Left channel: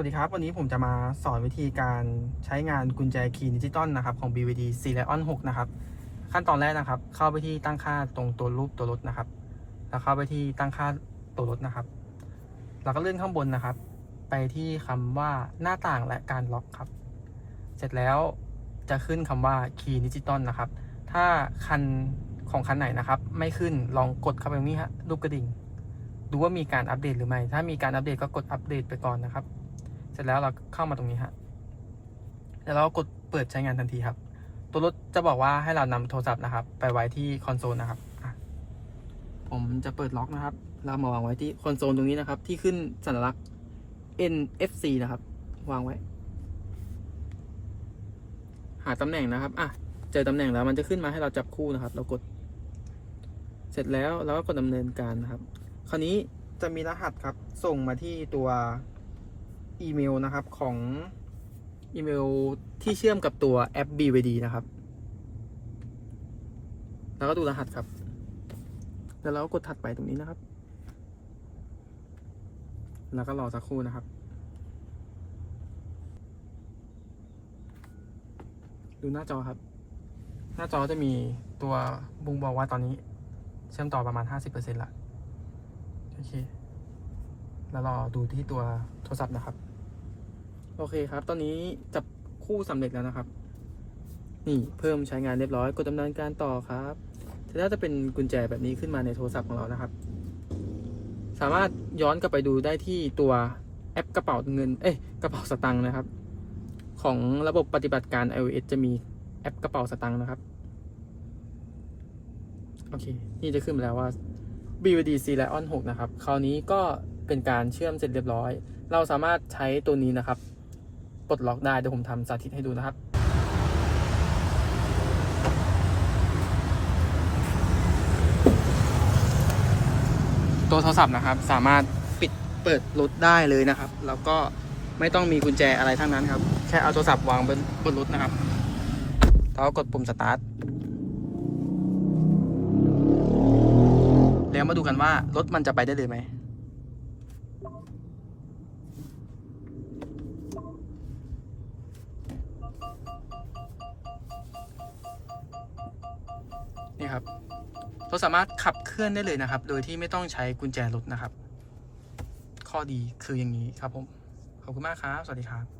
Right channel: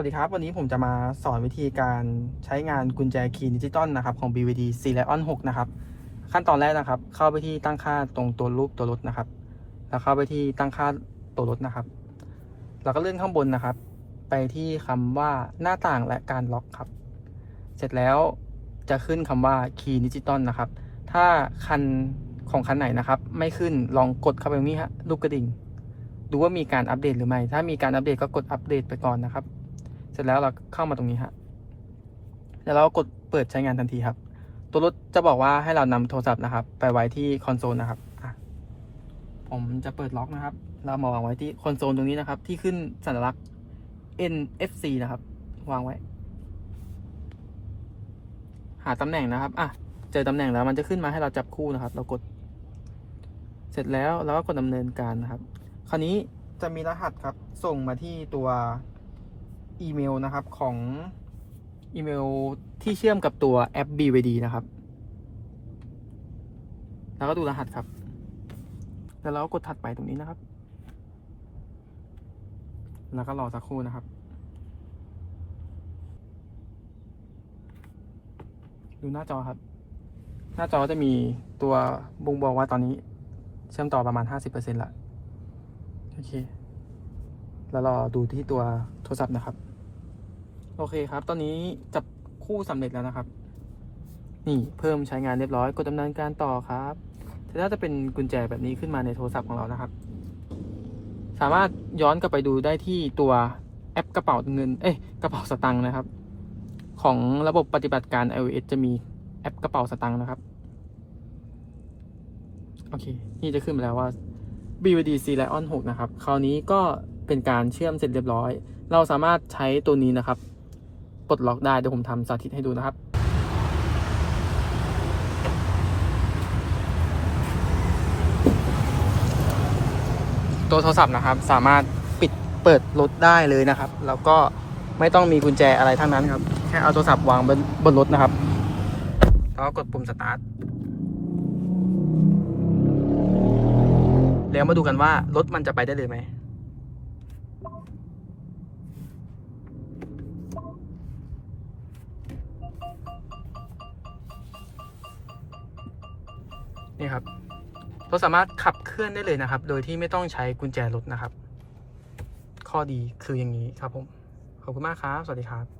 วัสดีครับ วันนี้ผมจะมาสอนวิธีการใช้งานกุญแจคีย์ดิจิตอลนะครับของ BVD c l e o n 6 นะครับ ขั้นตอนแรกนะครับ เข้าไปที่ตั้งค่าตรงตัวรูปตัวรถนะครับ แล้วเข้าไปที่ตั้งค่าตัวรถนะครับ แล้วก็เลื่อนข้างบนนะครับ ไปที่คำว่าหน้าต่างและการล็อกครับ เสร็จแล้วจะขึ้นคำว่าคีย์ดิจิตอลนะครับ ถ้าคันของคันไหนนะครับ ไม่ขึ้นลองกดเข้าไปนี้ฮะรูปกระดิ่งดูว่ามีการอัปเดตหรือไม่ ถ้ามีการอัปเดตก็กดอัปเดตไปก่อนนะครับ เสร็จแล้วเราเข้ามาตรงนี้ฮะแล้วเรากดเปิดใช้งานทันทีครับ ตัวรถจะบอกว่าให้เรานำโทรศัพท์นะครับ ไปไว้ที่คอนโซลนะครับ ผมจะเปิดล็อกนะครับ เรามาวางไว้ที่คอนโซลตรงนี้นะครับ ที่ขึ้นสัญลักษณ์ NFC นะครับ วางไว้ หาตำแหน่งนะครับอะเจอตำแหน่งแล้วมันจะขึ้นมาให้เราจับคู่นะครับ เรากด เสร็จแล้วเราก็กดดำเนินการนะครับ คราวนี้จะมีรหัสครับ ส่งมาที่ตัว อีเมลนะครับของอีเมลที่เชื่อมกับตัวแอป BVD นะครับ แล้วก็ดูรหัสครับ แล้วเราก็กดถัดไปตรงนี้นะครับ แล้วก็รอสักครู่นะครับ ดูหน้าจอครับ หน้าจอจะมีตัวบ่งบอกว่าตอนนี้ เชื่อมต่อประมาณ 50%ละ โอเค แล้วรอดูที่ตัวโทรศัพท์นะครับ โอเคครับ ตอนนี้จับคู่สำเร็จแล้วนะครับ นี่เพิ่มใช้งานเรียบร้อย กดดำเนินการต่อครับถ้าจะเป็นกุญแจแบบนี้ขึ้นมาในโทรศัพท์ของเรานะครับ สามารถย้อนกลับไปดูได้ที่ตัวแอปกระเป๋าเงิน เอ๊ะกระเป๋าสตังค์นะครับ ของระบบปฏิบัติการ iOS จะมีแอปกระเป๋าสตังค์นะครับ โอเค นี่จะขึ้นมาแล้วว่า BVD C Lion 6 นะครับ คราวนี้ก็เป็นการเชื่อมเสร็จเรียบร้อย เราสามารถใช้ตัวนี้นะครับ ปลดล็อกได้เดี๋ยวผมทำสาธิตให้ดูนะครับตัวโทรศัพท์นะครับ สามารถปิดเปิดรถได้เลยนะครับ แล้วก็ไม่ต้องมีกุญแจอะไรทั้งนั้นครับ แค่เอาโทรศัพท์วางบนบนรถนะครับแล้วก็กดปุ่มสตาร์ทแล้วมาดูกันว่ารถมันจะไปได้เลยไหม นี่ครับเราสามารถขับเคลื่อนได้เลยนะครับ โดยที่ไม่ต้องใช้กุญแจรถนะครับ ข้อดีคืออย่างนี้ครับผม ขอบคุณมากครับ สวัสดีครับ